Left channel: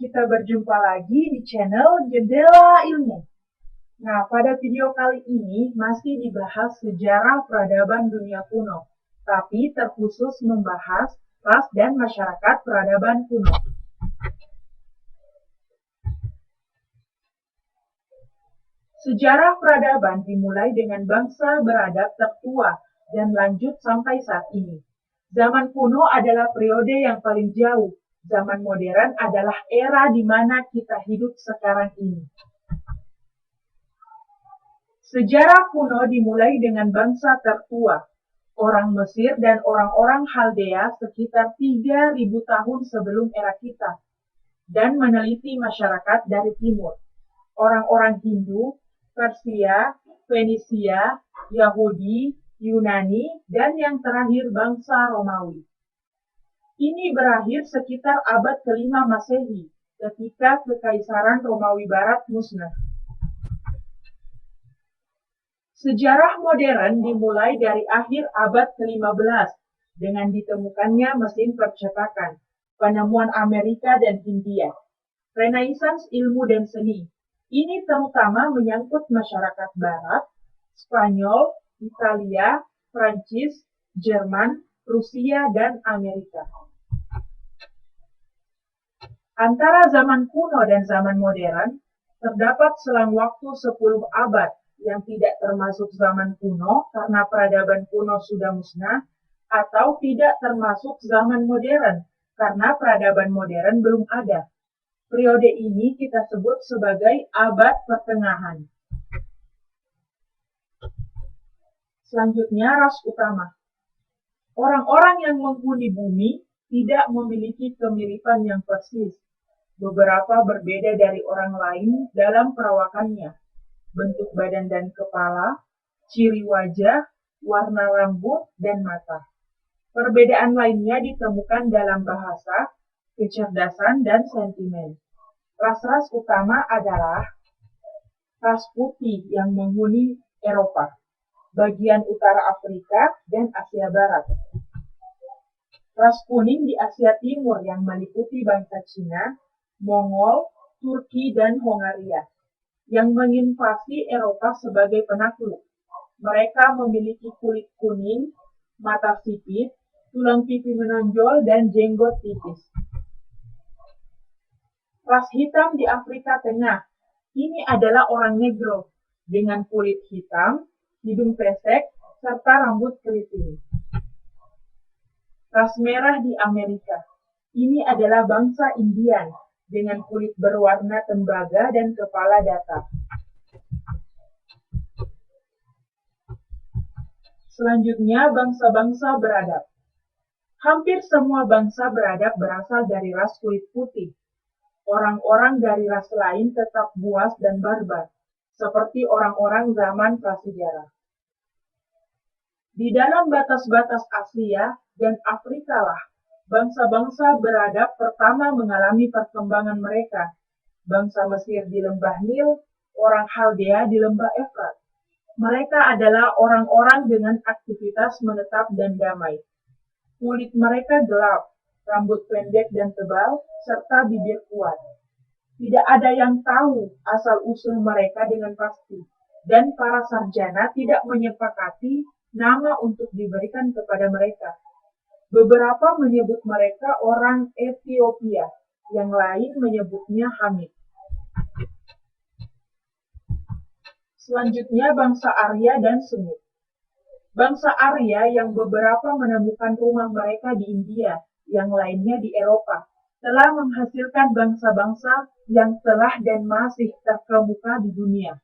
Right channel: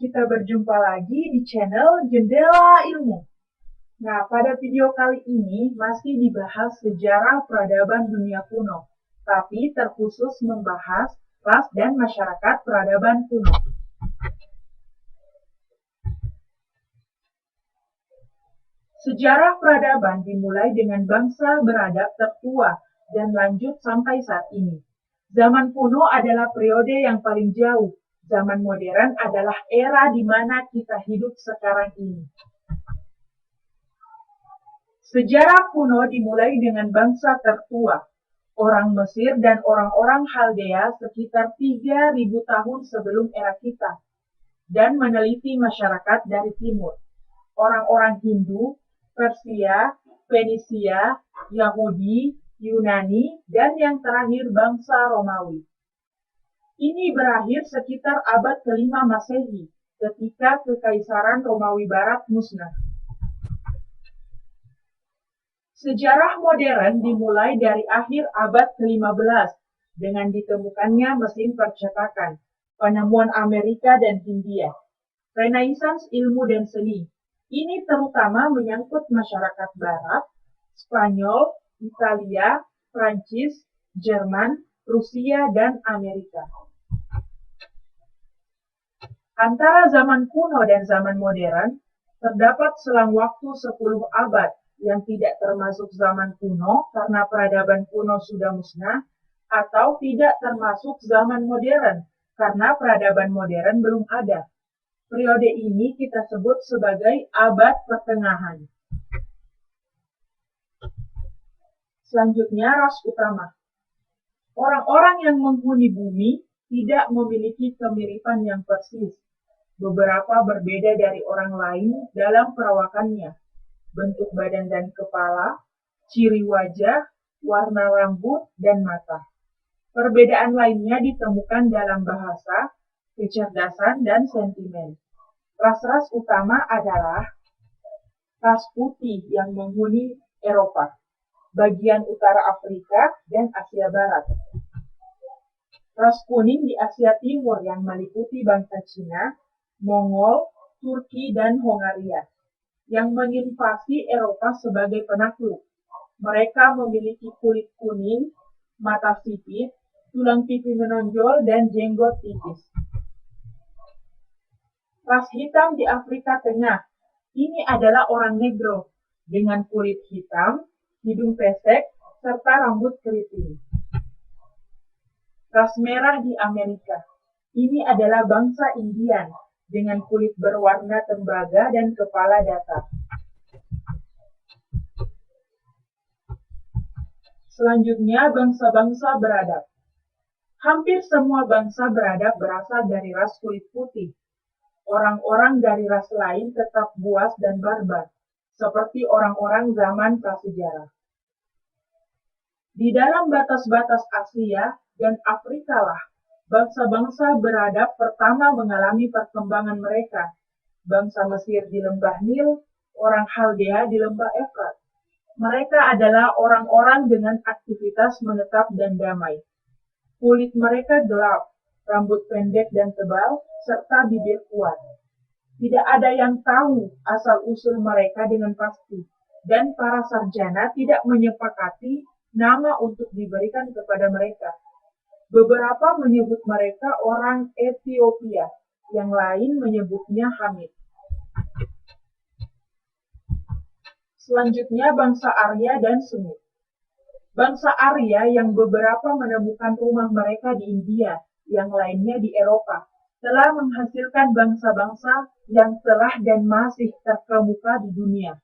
Kita berjumpa lagi di channel Jendela Ilmu. Nah, pada video kali ini masih dibahas sejarah peradaban dunia kuno, tapi terkhusus membahas ras dan masyarakat peradaban kuno. Sejarah peradaban dimulai dengan bangsa beradab tertua dan lanjut sampai saat ini. Zaman kuno adalah periode yang paling jauh. Zaman modern adalah era di mana kita hidup sekarang ini. Sejarah kuno dimulai dengan bangsa tertua, orang Mesir dan orang-orang Khaldea sekitar 3.000 tahun sebelum era kita, dan meneliti masyarakat dari timur, orang-orang Hindu, Persia, Fenisia, Yahudi, Yunani, dan yang terakhir bangsa Romawi. Ini berakhir sekitar abad ke-5 Masehi, ketika Kekaisaran Romawi Barat musnah. Sejarah modern dimulai dari akhir abad ke-15 dengan ditemukannya mesin percetakan, penemuan Amerika dan Hindia, Renaissance ilmu dan seni. Ini terutama menyangkut masyarakat Barat, Spanyol, Italia, Prancis, Jerman, Rusia, dan Amerika. Antara zaman kuno dan zaman modern, terdapat selang waktu 10 abad yang tidak termasuk zaman kuno karena peradaban kuno sudah musnah, atau tidak termasuk zaman modern karena peradaban modern belum ada. Periode ini kita sebut sebagai abad pertengahan. Selanjutnya, ras utama. Orang-orang yang menghuni bumi tidak memiliki kemiripan yang persis. Beberapa berbeda dari orang lain dalam perawakannya, bentuk badan dan kepala, ciri wajah, warna rambut, dan mata. Perbedaan lainnya ditemukan dalam bahasa, kecerdasan, dan sentimen. Ras-ras utama adalah ras putih yang menghuni Eropa, bagian utara Afrika, dan Asia Barat. Ras kuning di Asia Timur yang meliputi bangsa Cina, Mongol, Turki, dan Hongaria, yang menginvasi Eropa sebagai penakluk. Mereka memiliki kulit kuning, mata sipit, tulang pipi menonjol, dan jenggot tipis. Ras hitam di Afrika Tengah, ini adalah orang Negro, dengan kulit hitam, hidung pesek, serta rambut keriting. Ras merah di Amerika, ini adalah bangsa Indian, dengan kulit berwarna tembaga dan kepala datar. Selanjutnya, bangsa-bangsa beradab. Hampir semua bangsa beradab berasal dari ras kulit putih. Orang-orang dari ras lain tetap buas dan barbar, seperti orang-orang zaman prasejarah. Di dalam batas-batas Asia dan Afrika lah, bangsa-bangsa beradab pertama mengalami perkembangan mereka. Bangsa Mesir di lembah Nil, orang Khaldea di lembah Efrat. Mereka adalah orang-orang dengan aktivitas menetap dan damai. Kulit mereka gelap, rambut pendek dan tebal, serta bibir kuat. Tidak ada yang tahu asal-usul mereka dengan pasti, dan para sarjana tidak menyepakati nama untuk diberikan kepada mereka. Beberapa menyebut mereka orang Ethiopia, yang lain menyebutnya Hamid. Selanjutnya bangsa Arya dan Semit. Bangsa Arya yang beberapa menemukan rumah mereka di India, yang lainnya di Eropa, telah menghasilkan bangsa-bangsa yang telah dan masih terkemuka di dunia.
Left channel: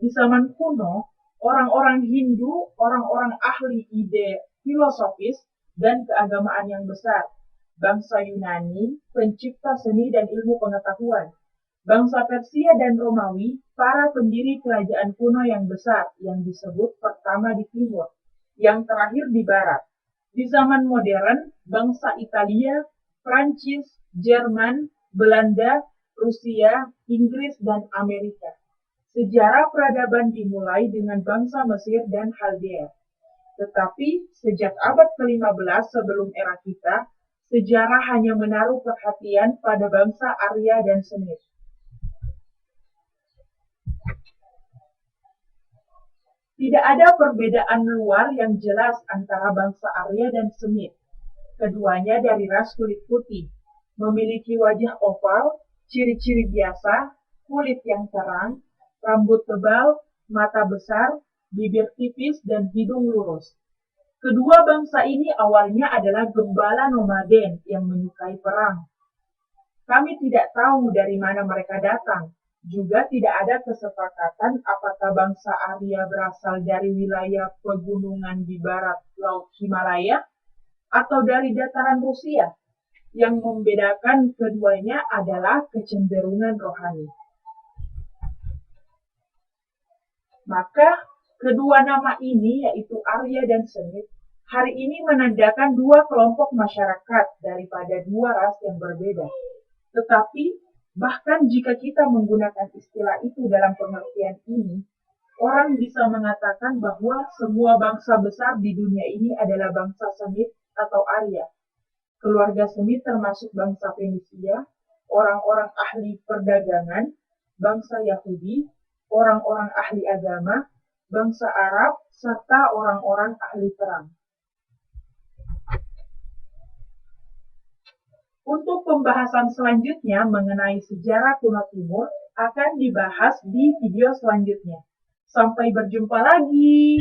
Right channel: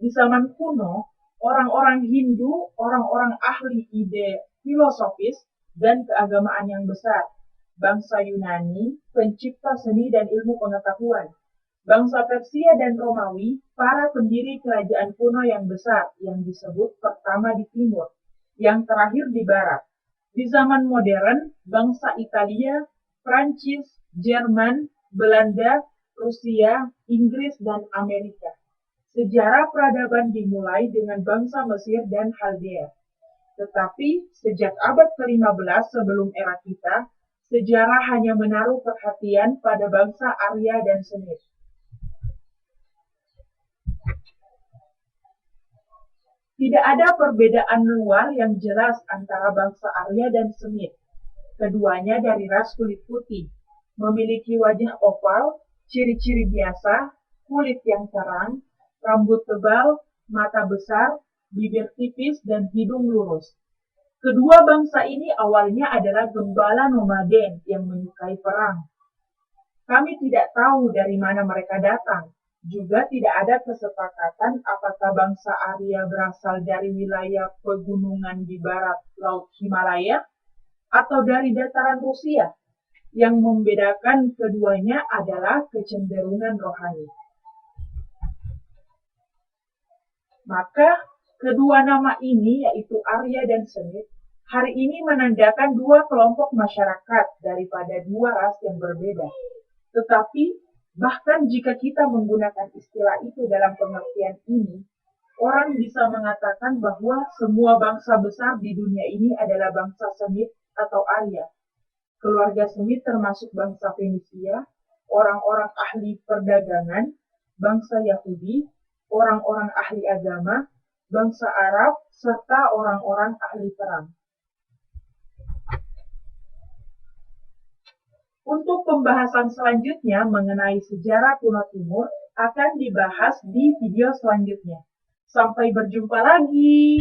Di zaman kuno, orang-orang Hindu, orang-orang ahli ide filosofis, dan keagamaan yang besar. Bangsa Yunani, pencipta seni dan ilmu pengetahuan. Bangsa Persia dan Romawi, para pendiri kerajaan kuno yang besar, yang disebut pertama di timur, yang terakhir di barat. Di zaman modern, bangsa Italia, Prancis, Jerman, Belanda, Rusia, Inggris, dan Amerika. Sejarah peradaban dimulai dengan bangsa Mesir dan Khaldea. Tetapi sejak abad ke-15 sebelum era kita, Sejarah hanya menaruh perhatian pada bangsa Arya dan Semit. Tidak ada perbedaan luar yang jelas antara bangsa Arya dan Semit. Keduanya dari ras kulit putih, memiliki wajah oval, ciri-ciri biasa, kulit yang terang, rambut tebal, mata besar, bibir tipis, dan hidung lurus. Kedua bangsa ini awalnya adalah gembala nomaden yang menyukai perang. Kami tidak tahu dari mana mereka datang. Juga tidak ada kesepakatan apakah bangsa Arya berasal dari wilayah pegunungan di barat Laut Himalaya atau dari dataran Rusia. Yang membedakan keduanya adalah kecenderungan rohani. Maka kedua nama ini, yaitu Arya dan Semit, hari ini menandakan dua kelompok masyarakat daripada dua ras yang berbeda. Tetapi bahkan jika kita menggunakan istilah itu dalam pengertian ini, orang bisa mengatakan bahwa semua bangsa besar di dunia ini adalah bangsa Semit atau Arya. Keluarga Semit termasuk bangsa Fenisia, orang-orang ahli perdagangan, bangsa Yahudi, orang-orang ahli agama, bangsa Arab, serta orang-orang ahli perang. Untuk pembahasan selanjutnya mengenai sejarah kuno Timur akan dibahas di video selanjutnya. Sampai berjumpa lagi.